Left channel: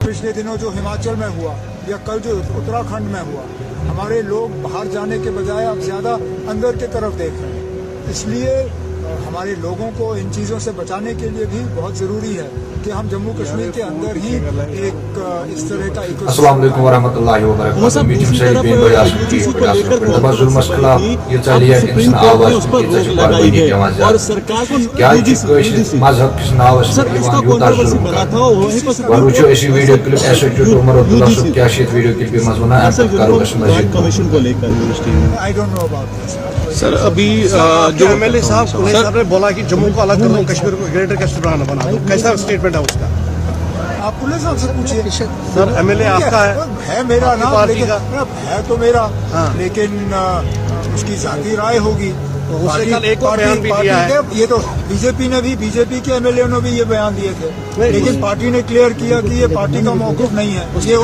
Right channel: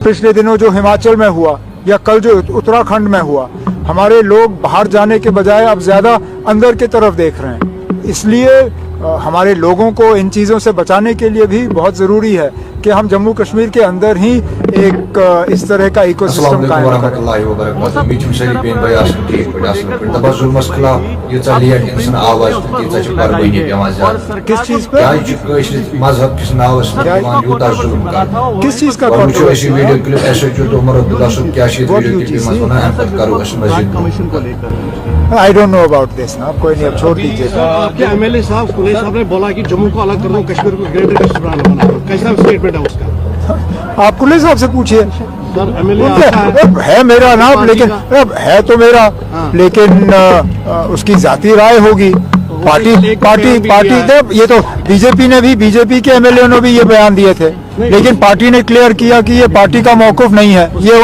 पिछले दिनों जो हिमाचल में हुआ या कल जो उत्तराखंड में हुआ, हमारे लोग बाहर जाने के बजाय अब ज्यादा अंदर की तरफ देख रहे हैं। इसलिए हमारे लोगों को इन चीज़ों से बचाने के लिए भी बहुत ज़रूरी है कि हम जम्मू कश्मीर के अंदर ही एक इस तरह का ecosystem I don't know about this. जो एमएलए साहब ने बोला कि जम्मू को अलग कर दो, कश्मीर को ग्रेटर कश्मीर बना दो, कैसा स्टेटमेंट है उसका? आप कुल्ले साहब से पूछिए। सर एमएलए है मेरा नाम, लेकिन अब है तो मेरा, लेकिन उसकी जाती राय होगी। पार्टी तो ये तो बीजेपी के एमएलए ने भी ये बयान दिए थे, लेकिन पार्टी ने क्लियर किया कि ये पार्टी का मौकूफ नहीं है। ये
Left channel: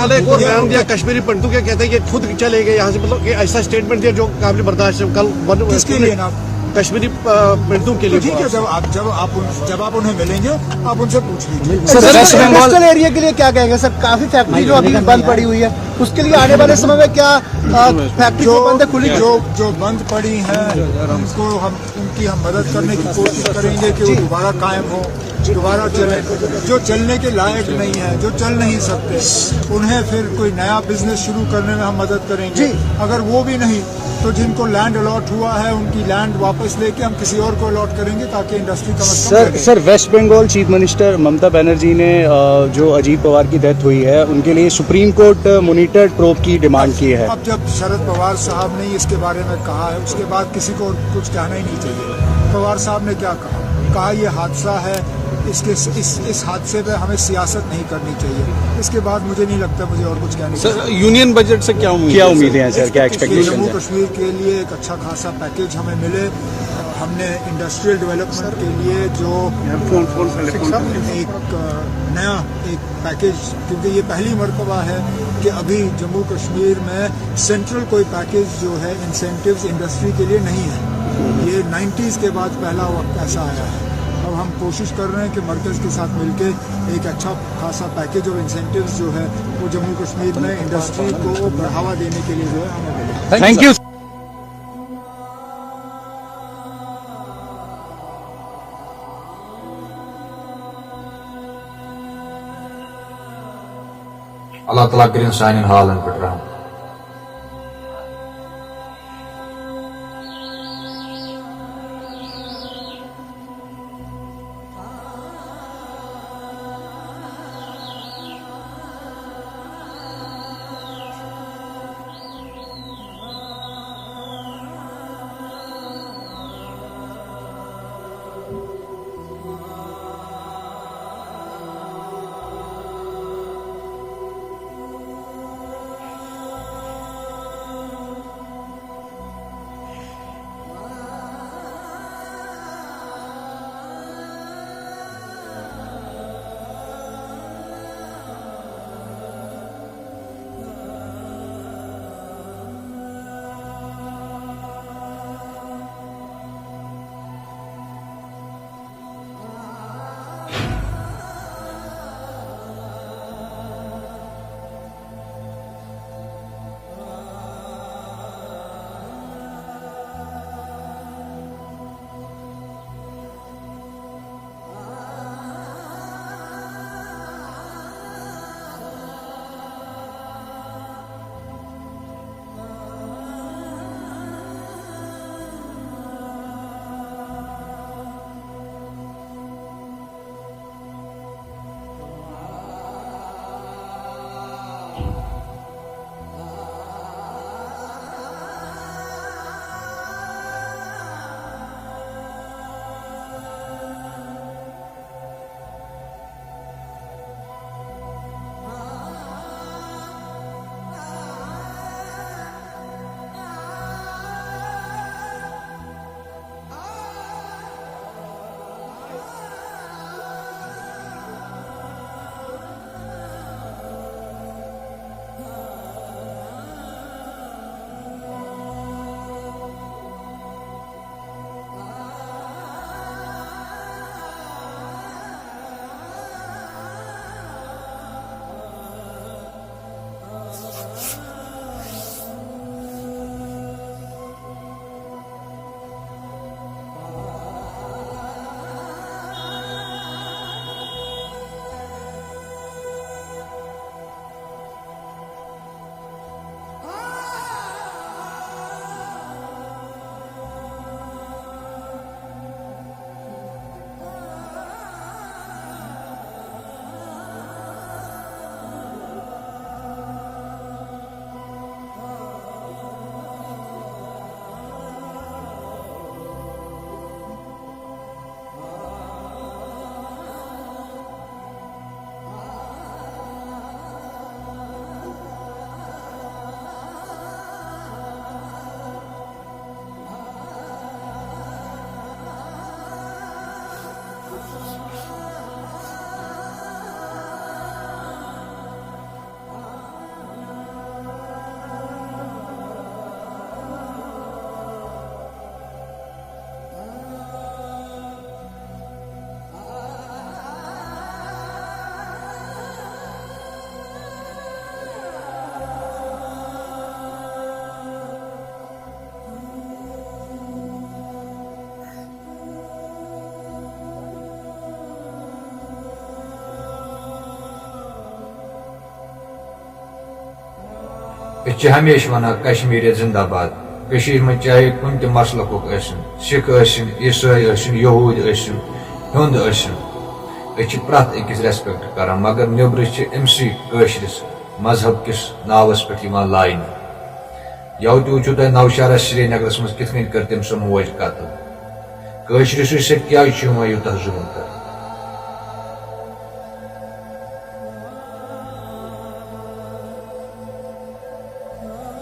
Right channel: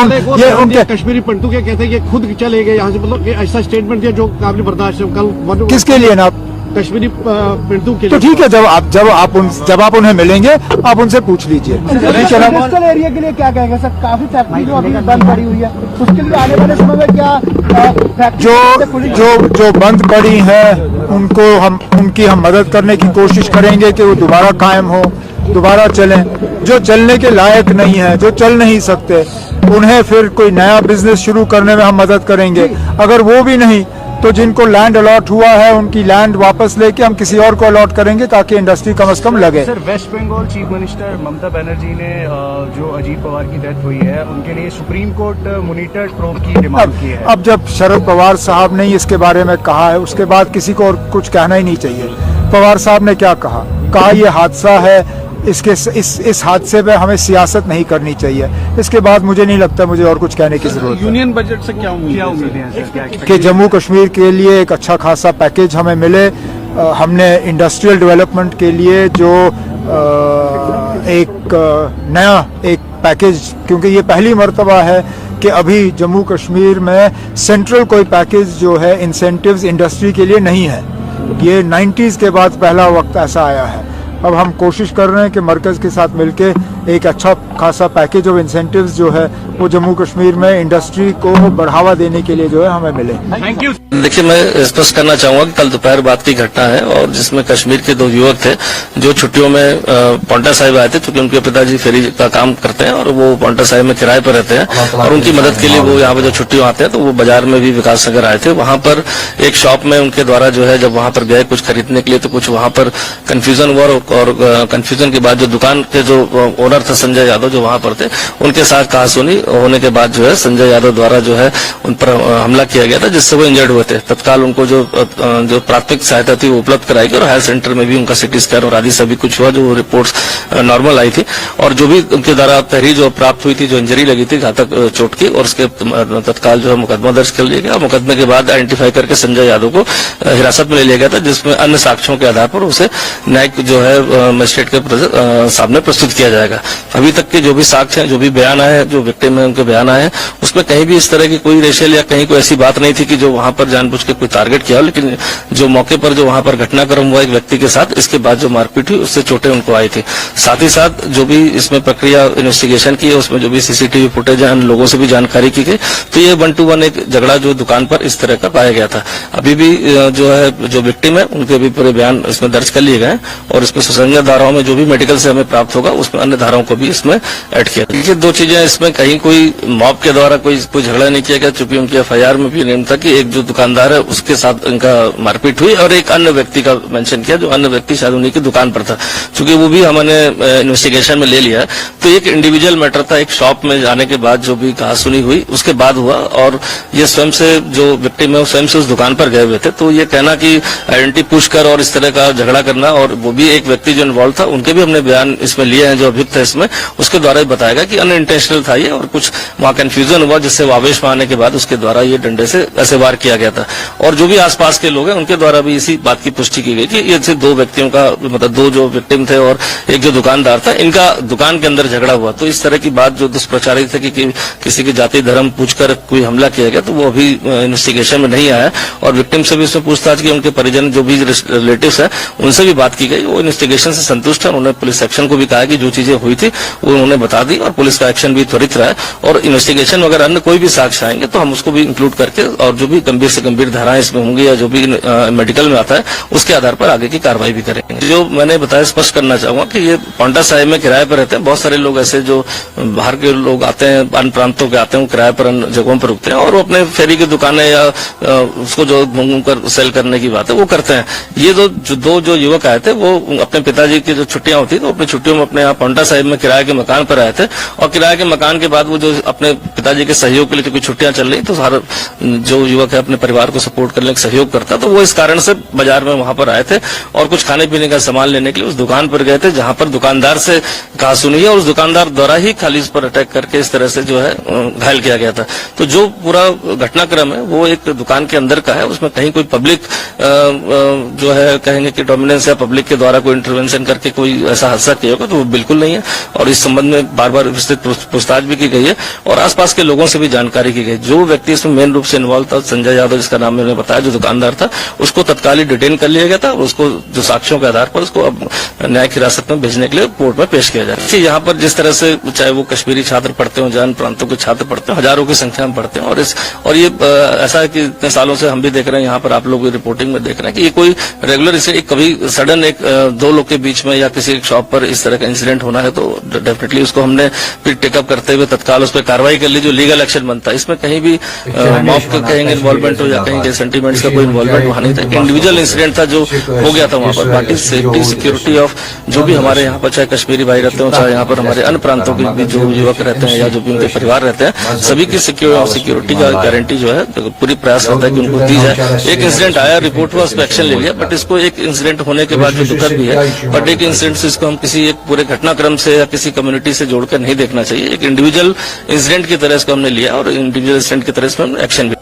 उनके कश्मीरी पंडितों के कहते हैं कि खुद चले गए यहाँ से, मतलब ऐसा स्टेटमेंट दिया जो काबिल बर्दाश्त है। कल किसके लिए ना कश्मीरी पंडितों के लिए? तो ठीक है, जब आप उन्हें मिलेंगे आप उनसे पूछ लीजिए। कोस्टल एरिया के लिए क्या कहेंगे सर? काफी फैक्ट्री जो अभी बंद पड़ी हुई है, उसके लिए आने वाले समय में क्या फैक्ट्री जो बंद पड़ी है उनकी हम मदद करने की कोशिश करेंगे कि वो दोबारा कायम हो, दोबारा चलें। जो चलने के लायक नहीं है, जो चल नहीं सकते, उन्हें फिर कोई नया बिजनेस शुरू करने में हम मदद करेंगे। अगर वो भी नहीं तो जिनको लैंड अलॉट हुआ है उनकी लैंड वापस लेके हम किसी और को अलॉट करेंगे ताकि इंडस्ट्री कम से कम लगे। Sir West Bengal chief minister Mamata Banerjee ने जो अजीत पवार की डेथ हुई है उनके लिए सुप्रीम कोर्ट मॉनिटर प्रोब की डिमांड की है। अब जब शरद पवार साहब ने इसके बारे में कहा है, उसके बाद किसी को और कुछ कहना ही नहीं चाहिए। पवार साहब ने क्या कहा ये हादसा है, इस हादसे पे हमें सियासत नहीं करनी चाहिए। इसके बाद मुझे नहीं लगता मुझे और कुछ कहने की जरूरत है। यूनियन बजट से क्या उम्मीद है सर? कि जम्मू कश्मीर के लिए एक अच्छा खासा पैकेज हमें मिले। हमने इंडस्ट्रियल डेवलपमेंट के लिए जो एक नया एक पैकेज, क्योंकि ये पहली मर्तबा है कि अभी जम्मू कश्मीर में सेंट्रल कोई पैकेज जो है इंसेंटिव्स इंडस्ट्री के लिए नहीं है। ये 90s के बाद पहला वक्त ऐसा आया है। अब हम कोशिश कर रहे हैं कि मरकज़ के साथ मिलके एक अच्छा खासा पैकेज ऑफ इंसेंटिव्स जो है वो जम्मू कश्मीर में इंडस्ट्री को बढ़ावा देने के लिए जो है हमें मिले। Thank you. देखिए, मैं स्पष्ट करना चाहूंगा कि कल दोपहर बाद की घटना है और जिसमें कश्मीर के 2 युवक थे जो छुट्टियों में पॉन्टा साहिब आए थे, क्योंकि उनके पिताजी फेरी का काम करते हैं और वो पॉन्टा साहिब में किराए पर रहते हैं और उनकी मदद के लिए वो यहाँ पे जो छुट्टियों आते हैं तो वो बाजार में भी विकास नगर आए थे। वहां पर एक शॉप में उनके द्वारा जो है जब वहां पर गए कुछ खरीदने के लिए तो कुछ वहां पर कंफ्यूजन हुआ और कंफ्यूजन के बाद जो दुकान के जो ओनर थे संजय यादव जो वहां पर थे, उनके साथ कहासुनी होने के बाद जो है संजय यादव द्वारा जो है उन पर हमला किया गया था, जिससे वो इंजर्ड हुए थे। तत्काल उनको जो प्राथमिक सहायता थी वो उपलब्ध कराई गई और हायर सेंटर में भी उनका सिटी स्कैन और आदि सभी कुछ हुआ, जो रिपोर्ट्स नॉर्मल आई थी। और जो भी उनके द्वारा तहरीर जो प्राप्त हुई थी, जो इंजरी लगी थी घातक चोट की, और उसके तत्काल जो है मुकदमा दर्ज कर लिया गया। मुकदमे के बाद आइडेंटिफाई करके संजय यादव को हिरासत में ले लिया गया था, जिसमें अन्य साक्ष्यों के आधार पर उसे न्यायिक जो है मजिस्ट्रेट के सामने प्रस्तुत किया जाएगा। अभी तक के जो भी साक्ष्य हैं, जो भी बयान आए हैं, जो विक्टिम है उनके बयान आए हैं, उसमें कहीं भी इस तरह की कोई रेशियल या कहीं कोई ऐसी बात नहीं थी कि जो वहां पर जानबूझ के कोई टारगेट किया हो। लेकिन जो मौके पर जो वहां पर घटनाक्रम हुआ एक व्यक्ति के साथ, इसके बाद जो मारपीट हुई उससे चोटें उनको आई थी। साथ ही साथ जो भी इसमें प्रक्रिया इन्वेस्टिगेशन की है उसमें जो भी सीसीटीवी फुटेज है, लोगों से भी जानकारी की गई, तो ये 1 to 1 एक झगड़ा जो दुकान पर इस तरह का पाया गया था। अभी भी जो है जो विक्टिम है उनके भी पूरे बयान इसमें दर्ज कर लिए गए और इसमें सुसंगत धाराओं में जो भी मेडिकल से हमें प्राप्त होगा उसमें अन्य धाराओं को भी इसमें ऐड किया। देखिए, 2 चीजें इसमें, कहीं कोई मॉब के द्वारा कोई झगड़ा नहीं किया गया, चूंकि उनकी एफआईआर में भी नेम था कि एक जो दुकानदार है उसके साथ इनका मारपीट हुई और एक अन्य व्यक्ति का मेंशन किया, जो अन्य व्यक्ति शायद उन्हीं की दुकान पर था। चूंकि वो भी हमने इन्वेस्टिगेशन में ले लिया है, तो एक इंडिविजुअल मैटर था। एक शॉप में जाने के बाद जो भी कहासुनी हुई उसके बाद हुआ और ये स्वयं से जो विक्टिम है स्वयं से उस दुकान पर गए हुए थे। तो ये कहना कि आइडेंटिटी पुश कर और इस तरह का झगड़ा करना, और वो भी एक व्यक्ति जो इन्वॉल्व था उनके भी हमने बयान इसमें लिए हैं जो अभियुक्त है इसमें, उसके द्वारा ही बताया गया कि अनइंटेंशनल था ये और कुछ वहां कंफ्यूजन हुआ, जिससे वो आवेश में आने के बाद उसके द्वारा ये डंडे से ऐसे वार किया गया। गया था। और जो भी आसपास के लोग हैं उनके द्वारा भी इसी बात की पुष्टि की गई कि ये सिर्फ दो व्यक्तियों का, मतलब दो जो विक्टिम थे और एक जो दुकानदार था, इनका दुकान के अंदर झगड़ा हुआ। तो इस तरह की बात जो दुष्प्रचारित है कि किसी के जाति धर्म पूछकर कोई हमला किया गया, तो वो अभी इन्वेस्टिगेशन में नहीं आया। और विक्टिम से भी उसमें पूछताछ की, उनके परिजन जो भी रिलेटिव्स है उनसे भी बात की गई। वो इन्वेस्टिगेशन से संतुष्ट है। उन्होंने पुलिस एक्शन को भी कहा कि जो चीजें हुई थी वो उन्होंने बता दी और पुलिस का एक्शन भी त्वरित रहा है। और इन्वेस्टिगेशन अगर अन्य कोई भी साक्ष्य आएंगे तो हम उसको भी इंक्लूड करके, और जो भी गंभीर से गंभीर धाराएं इसमें होंगी या जो भी मेडिकल में आता है उसके आधार पर आगे की कार्रवाई भी करेंगे। जो मैंने बताया, स्पष्ट करना चाहूंगा कि ये पांवटा साहिब में किराए पर रहते हैं। बहुत सारे लोग ऐसे जो बाहर के लोग आते हैं, अन्य प्रांतों के आते हैं, वो किराए पर अन्य जगहों पर रुकते हैं और वो अपने फेरी की दुकानें या उसको जो घूमकर सेल करने की बात है वो करते हैं। ये दो जो युवक आए थे वो अपने पिताजी की जो छुट्टियां होती तो अपनी छुट्टियों में अपने यहाँ पांवटा साहिब में किराए के मकान पर आए थे। और किराए के मकान के बाद वो जो अपने पिताजी के सहयोग के लिए, क्योंकि छुट्टियां चल रही तो सारा जो युवक है अपने परिवार को सपोर्ट करने का सहयोग करता, तो वो इस कारण से बाजार में वहां पर आए थे और कुछ खाने पीने का सामान लेने के लिए उस दुकान पर गए थे, जहां पर दुकानदार से कहा सुनी है और उस दुकानदार द्वारा ही खाली इस पर अटैक करके इस तरह से जो है घायल किया गया था। तो जो पूरा घटनाक्रम है वो एक दुकान के अंदर का है, उसमें कहीं कोई पब्लिक जो है कहेंगे कि डोमिनेंस या पब्लिक के द्वारा कोई इंटरवेंशन करके कोई ऐसा हादसा किया होगा, तो वो बिल्कुल नहीं है। और इस संबंध में बार बार विस्तृत पूछताछ भी की गई है और आसपास के लोगों से भी जानकारी की गई। जो व्यक्ति इसमें मेन रूप से इन्वॉल्व था, संजय यादव जिसका नाम मैंने बताया, जो दुकानदार था, उसको तत्काल डिटेन कर लिया गया था और उसको जो साक्ष्यों के आधार पर उसको अब न्यायिक हिरासत में भेजने के लिए कोर्ट में पेश किया जाए। यहाँ पर जिस तरह से चाहे वो कश्मीरी छात्र पढ़ते हो, जैन प्रांतों के छात्र पढ़ते हो, हजारों की संख्या में पढ़ते हैं। और ये ऐसा है कि इतने सालों से हम भी देख रहे हैं, यहाँ पर आप लोग रिपोर्टिंग में देख रहे हैं कि ये कोई रेगुलर इसे कभी सडन एक दो लोग के बीच में या किसी एक शॉप पर इस तरह का इंसिडेंट होना है तो डेफिनेटली उसको हमने फिर टेकअप करते हुए तत्काल उस पर कार्रवाई कर ली, जो लीगल एक्शन बनता है। इसमें कहीं भी इन्वॉल्वमेंट हो या कहीं सेंटीमेंट्स का कोई इन्वॉल्वमेंट वहां नहीं था। इंडिविजुअल इंसिडेंट था जो हो गया था वहां पर। बाकी सेफ्टी सिक्योरिटी ऑफ जो भी हमारे यहाँ पर चाहे कश्मीरी भाई रहते हो, चाहे यहाँ पर हमारे अन्य प्रांतों के जो युवक रहते हैं या जो भी उनके परिवार रहते हैं, सभी की सिक्योरिटी का गारंटी जो है पूरी प्रयास होता है कि उनको दी जाए। एक इंसिडेंट आया, रिपोर्ट हुआ, उस पर एक्शन ले लिया, बट इसको एक इंसिडेंट होने के बाद जो दुखद भी है, बट एक इंसिडेंट से इसको हम किसी एक पूरे घटनाक्रम से या किसी कम्युनिटी से जोड़कर नहीं देखना चाहिए। एक इंडिविजुअल इंसिडेंट की तरह इसको हमने लिया और इंडिविजुअल इंसिडेंट की तरह इसमें एक्शन भी